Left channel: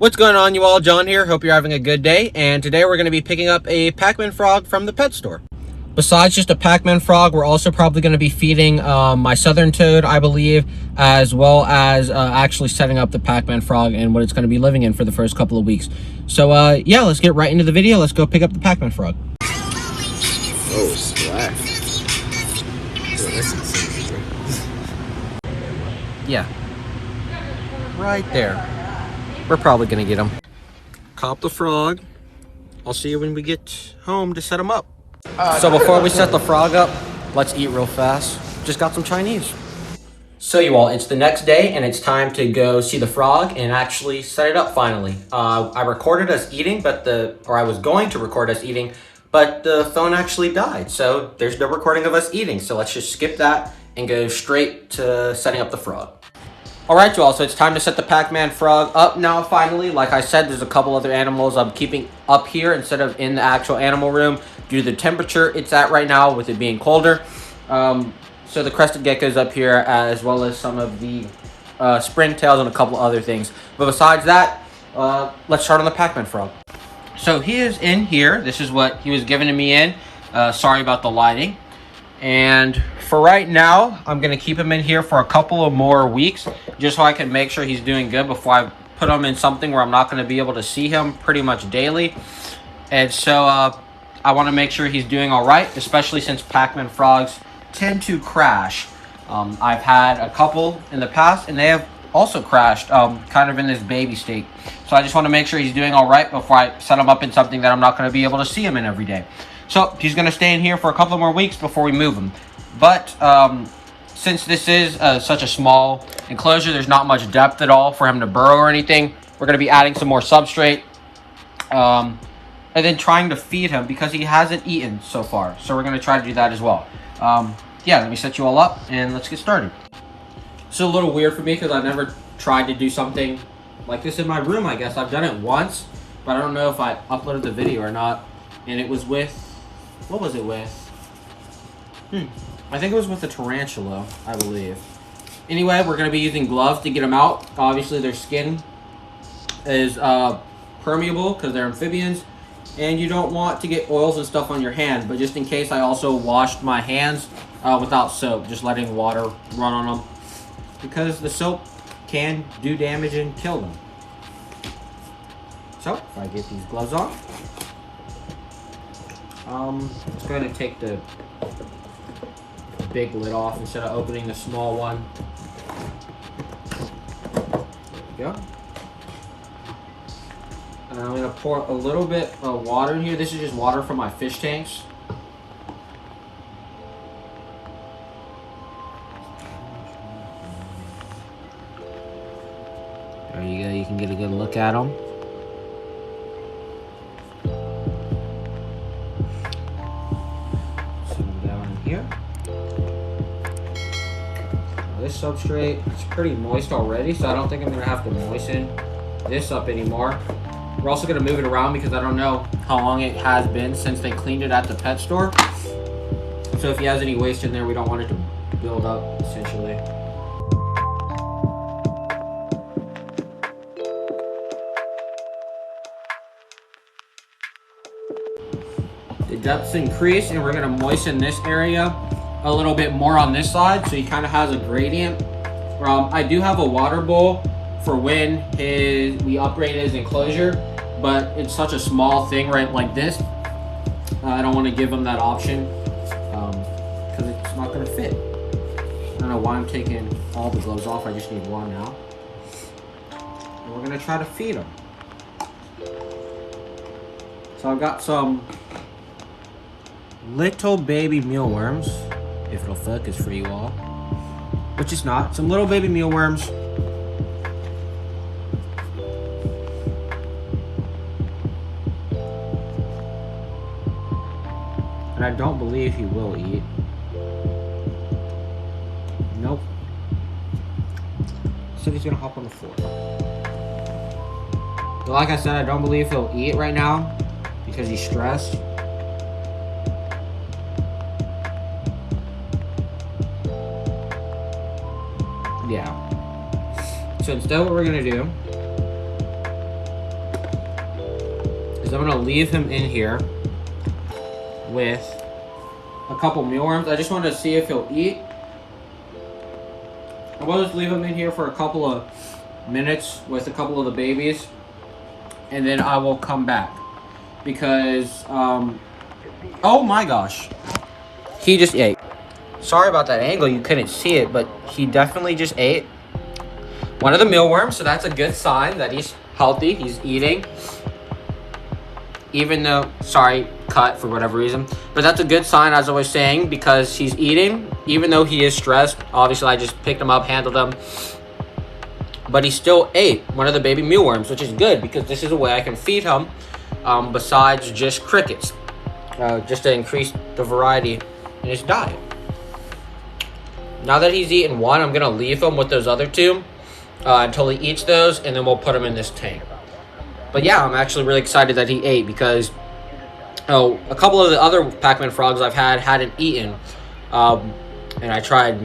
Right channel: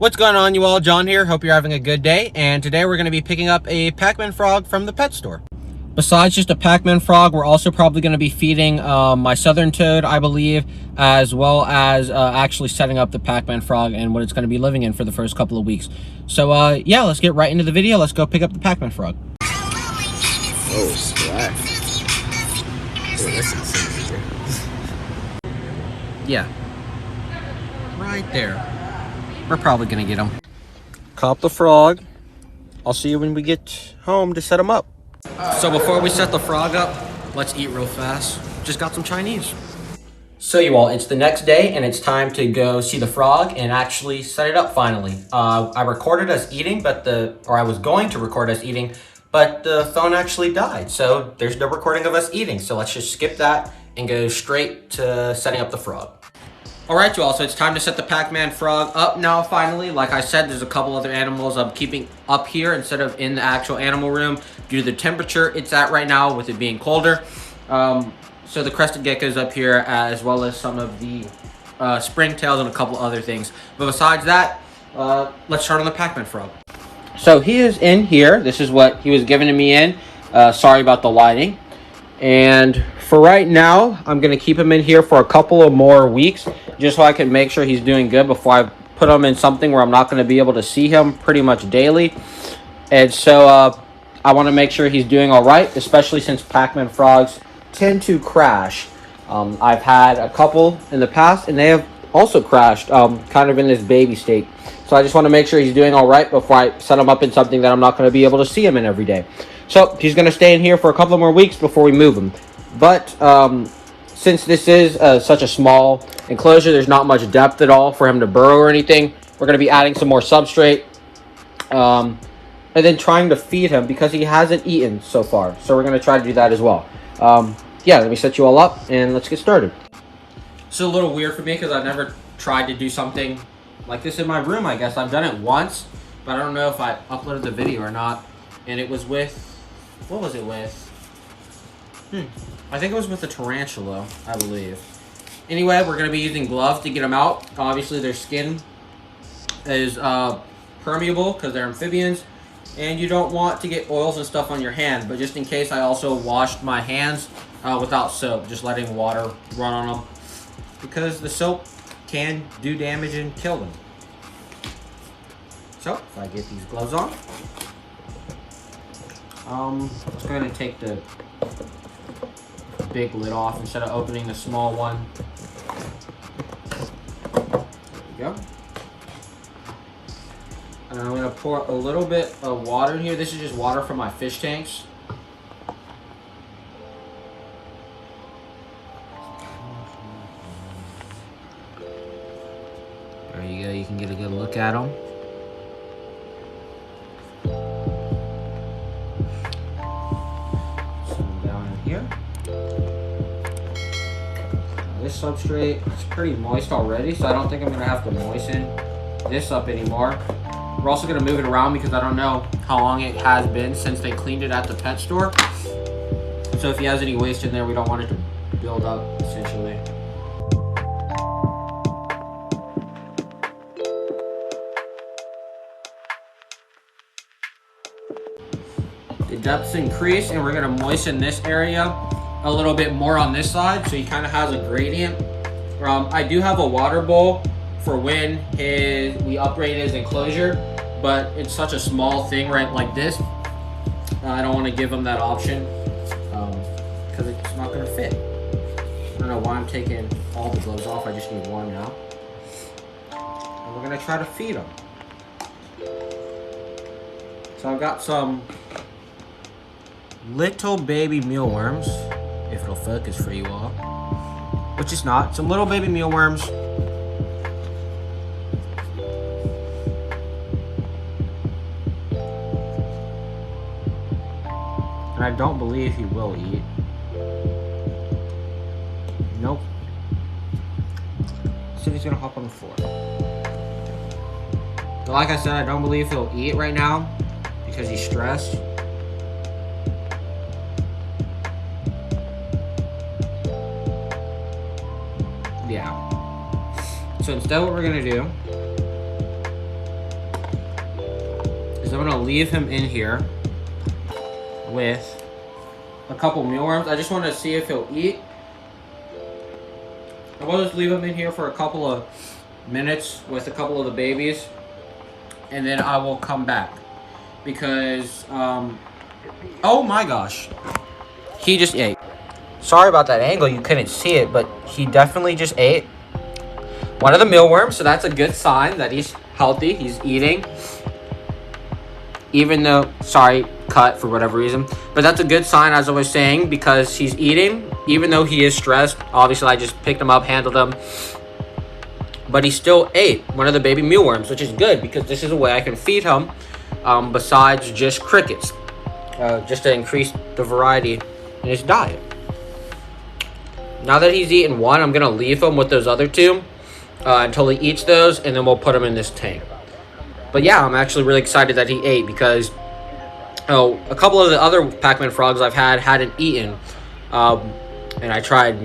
What's going on, you all? John here. Hope you're having a good day. And today we're going to be picking up a Pacman Frog from the pet store. Besides just a Pacman Frog, we're also probably going to be feeding my southern toad, I believe, as well as actually setting up the Pacman Frog and what it's going to be living in for the first couple of weeks. So yeah, let's get right into the video. Let's go pick up the Pacman Frog. Yeah, right there. We're probably gonna get him. Cop the frog. I'll see you when we get home to set him up. So before we set the frog up, let's eat real fast. Just got some Chinese. So you all, it's the next day and it's time to go see the frog and actually set it up finally. I recorded us eating, or I was going to record us eating, but the phone actually died. So there's no recording of us eating. So let's just skip that and go straight to setting up the frog. Alright, you all, so it's time to set the Pacman Frog up now, finally. Like I said, there's a couple other animals I'm keeping up here instead of in the actual animal room due to the temperature it's at right now, with it being colder. So the crested gecko's up here, as well as some of the springtails and a couple other things. But besides that, let's start on the Pacman Frog. So he is in here. This is what he was given to me in. Sorry about the lighting. And for right now, I'm going to keep him in here for a couple of more weeks, just so I can make sure he's doing good before I put him in something where I'm not going to be able to see him pretty much daily. And so I want to make sure he's doing all right, especially since Pacman Frogs tend to crash. I've had a couple in the past, and they have also crashed kind of in this baby state. So I just want to make sure he's doing all right before I set him up in something that I'm not going to be able to see him in every day. So he's going to stay in here for a couple more weeks before we move him. But since this is such a small enclosure, there's not much depth at all for him to burrow or anything. We're going to be adding some more substrate and then trying to feed him because he hasn't eaten so far. So we're going to try to do that as well. Yeah, let me set you all up and let's get started. It's a little weird for me because I've never tried to do something like this in my room, I guess. I've done it once, but I don't know if I uploaded the video or not. And it was with, what was it with? I think it was with the tarantula, I believe. Anyway, we're going to be using gloves to get them out. Obviously, their skin is permeable because they're amphibians. And you don't want to get oils and stuff on your hands. But just in case, I also washed my hands without soap, just letting water run on them, because the soap can do damage and kill them. So, if I get these gloves on, let's go ahead and take the big lid off instead of opening the small one. There we go. And I'm going to pour a little bit of water in here. This is just water from my fish tanks. There you go. You can get a good look at them. This substrate is pretty moist already, so I don't think I'm going to have to moisten this up anymore. We're also going to move it around because I don't know how long it has been since they cleaned it at the pet store. So if he has any waste in there, we don't want it to build up, essentially. The depths increase, and we're going to moisten this area a little bit more on this side, so he kind of has a gradient. I do have a water bowl for when we upgrade his enclosure, but it's such a small thing right like this. I don't want to give him that option because it's not going to fit. I don't know why I'm taking all the gloves off. I just need one now. And we're going to try to feed him. So I've got some little baby mealworms, if it'll focus for you all, which it's not. Some little baby mealworms. And I don't believe he will eat. Nope. So he's gonna hop on the floor. But like I said, I don't believe he'll eat right now because he's stressed. Yeah. So instead what we're gonna do is I'm gonna leave him in here with a couple mealworms. I just want to see if he'll eat. I will just leave him in here for a couple of minutes with a couple of the babies, and then I will come back because oh my gosh, he just ate. Sorry about that angle, you couldn't see it, but he definitely just ate one of the mealworms, so that's a good sign that he's healthy, he's eating. Even though, sorry, cut for whatever reason, but that's a good sign, as I was saying, because he's eating, even though he is stressed. Obviously, I just picked him up, handled him, but he still ate one of the baby mealworms, which is good because this is a way I can feed him besides just crickets, just to increase the variety in his diet. Now that he's eaten one, I'm gonna leave him with those other two until he eats those, and then we'll put him in this tank. But yeah, I'm actually really excited that he ate because a couple of the other Pacman frogs I've had hadn't eaten. And I tried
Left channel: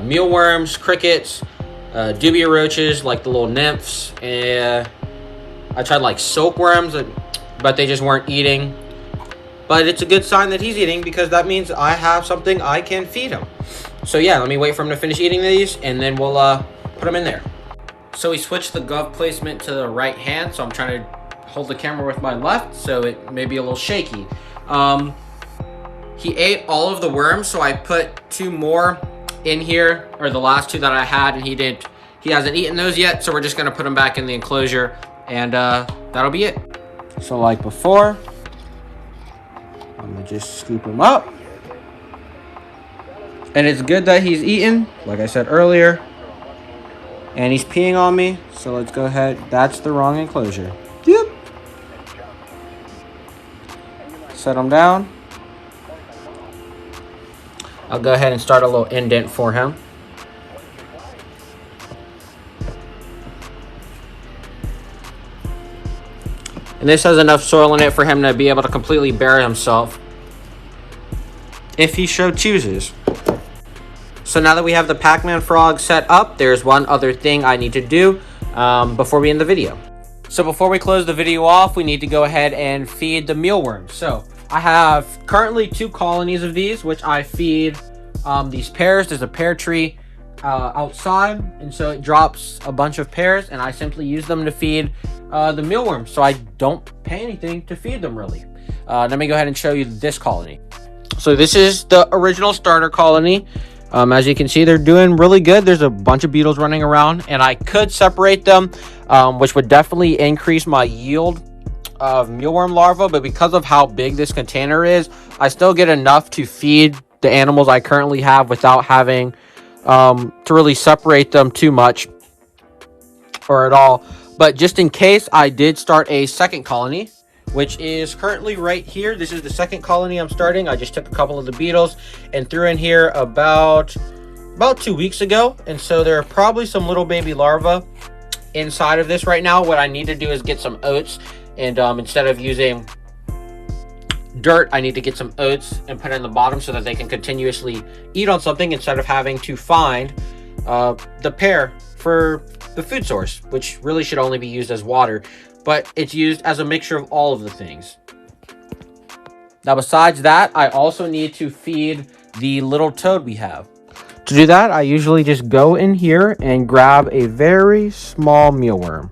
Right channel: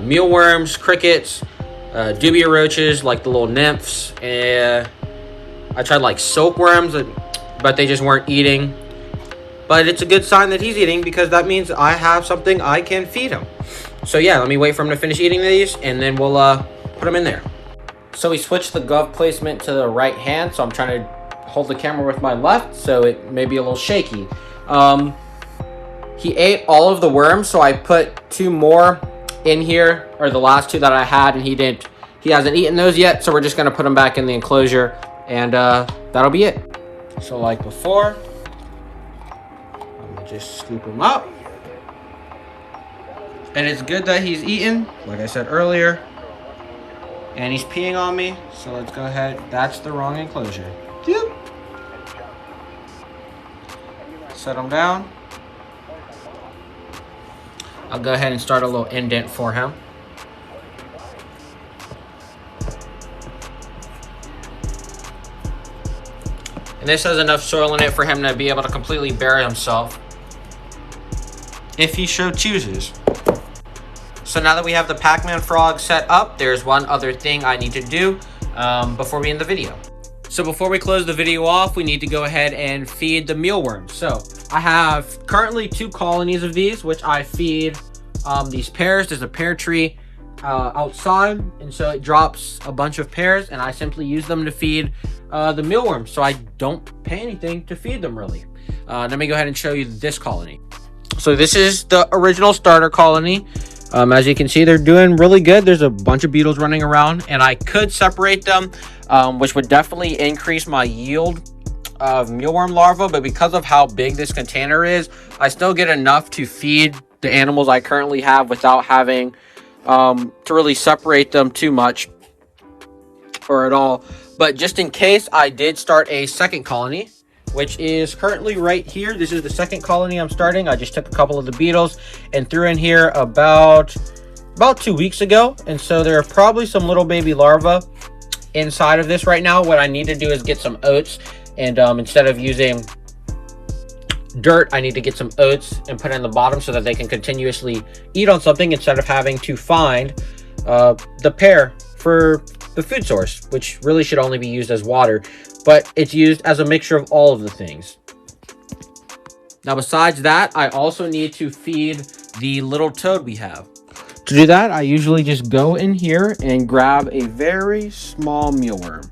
mealworms, crickets, dubia roaches, like the little nymphs, and I tried like silkworms, but they just weren't eating. But it's a good sign that he's eating because that means I have something I can feed him. So yeah, let me wait for him to finish eating these, and then we'll put him in there. So we switched the glove placement to the right hand, so I'm trying to hold the camera with my left, so it may be a little shaky. He ate all of the worms, so I put two more in here, or the last two that I had, and he hasn't eaten those yet, so we're just gonna put them back in the enclosure, and that'll be it. So like before, I'm gonna just scoop him up. And it's good that he's eaten, like I said earlier. And he's peeing on me, so let's go ahead. That's the wrong enclosure. Yep. Set him down. I'll go ahead and start a little indent for him. And this has enough soil in it for him to be able to completely bury himself, if he so chooses. So now that we have the Pacman Frog set up, there's one other thing I need to do before we end the video. So before we close the video off, we need to go ahead and feed the mealworms. So I have currently 2 colonies of these, which I feed these pears. There's a pear tree outside, and so it drops a bunch of pears, and I simply use them to feed the mealworms. So I don't pay anything to feed them, really. Let me go ahead and show you this colony. So this is the original starter colony. As you can see, they're doing really good. There's a bunch of beetles running around, and I could separate them, which would definitely increase my yield of mealworm larvae, but because of how big this container is, I still get enough to feed the animals I currently have without having to really separate them too much or at all. But just in case, I did start a second colony, which is currently right here. This is the second colony I'm starting. I just took a couple of the beetles and threw in here about 2 weeks ago, and so there are probably some little baby larvae inside of this right now. What I need to do is get some oats, and instead of using dirt, I need to get some oats and put it in the bottom so that they can continuously eat on something instead of having to find the pear for the food source, which really should only be used as water, but it's used as a mixture of all of the things. Now, besides that, I also need to feed the little toad we have. To do that, I usually just go in here and grab a very small mealworm.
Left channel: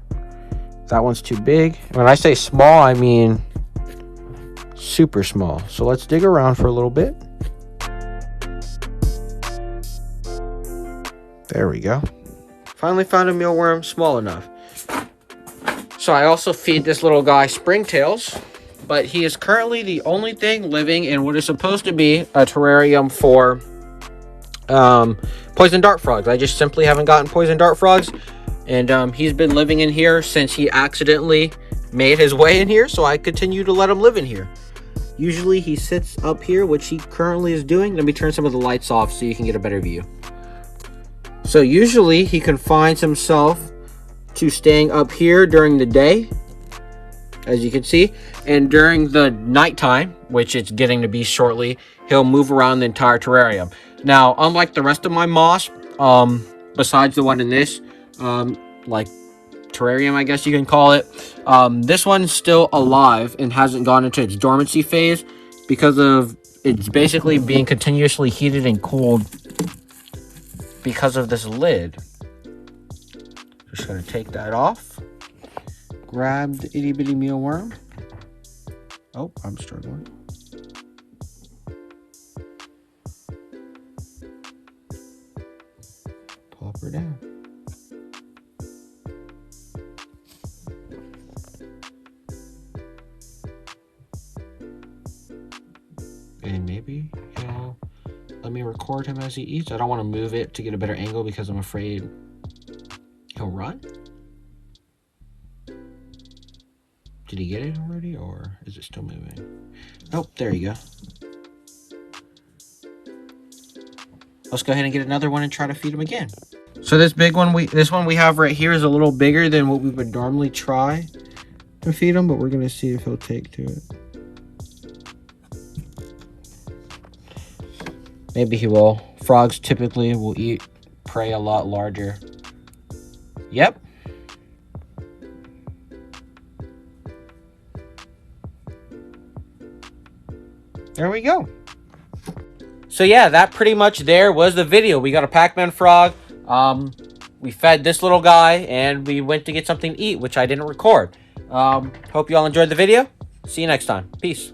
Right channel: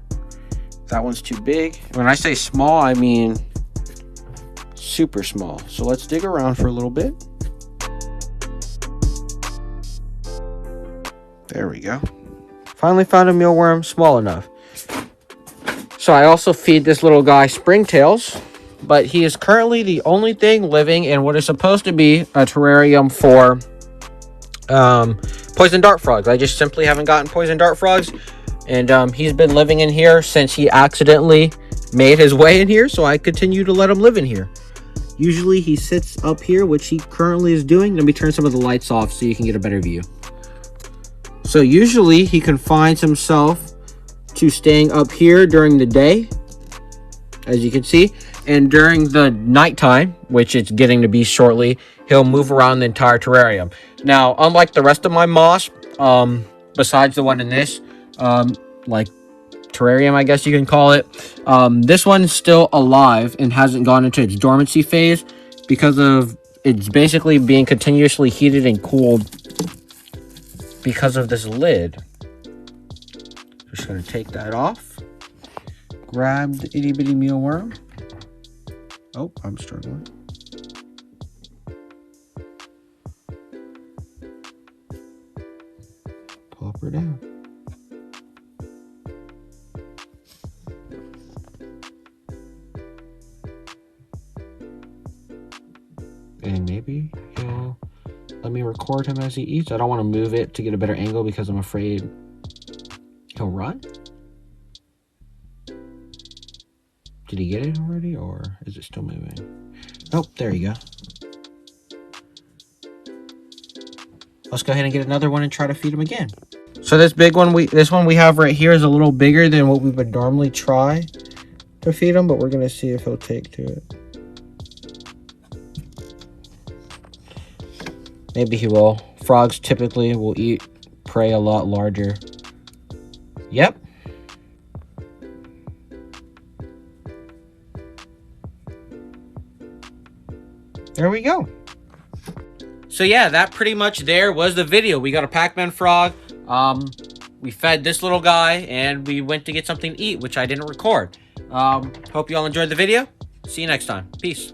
That one's too big. When I say small, I mean super small. So let's dig around for a little bit. There we go. Finally found a mealworm small enough. So I also feed this little guy springtails, but he is currently the only thing living in what is supposed to be a terrarium for poison dart frogs. I just simply haven't gotten poison dart frogs, and he's been living in here since he accidentally made his way in here, so I continue to let him live in here. Usually he sits up here, which he currently is doing. Let me turn some of the lights off so you can get a better view. So usually he confines himself to staying up here during the day, as you can see, and during the nighttime, which it's getting to be shortly, he'll move around the entire terrarium. Now, unlike the rest of my moss, besides the one in this, like terrarium, I guess you can call it. This one's still alive and hasn't gone into its dormancy phase because of it's basically being continuously heated and cooled because of this lid. Just gonna take that off. Grab the itty bitty mealworm. Oh, I'm struggling. Pop her down. And maybe he'll let me record him as he eats. I don't want to move it to get a better angle because I'm afraid he'll run. Did he get it already, or is it still moving? Oh, there you go. Let's go ahead and get another one and try to feed him again. So this big one, this one we have right here is a little bigger than what we would normally try to feed him, but we're gonna see if he'll take to it. Maybe he will. Frogs typically will eat prey a lot larger. Yep. There we go. So yeah, that pretty much there was the video. We got a Pacman Frog. We fed this little guy and we went to get something to eat, which I didn't record. Hope you all enjoyed the video. See you next time. Peace.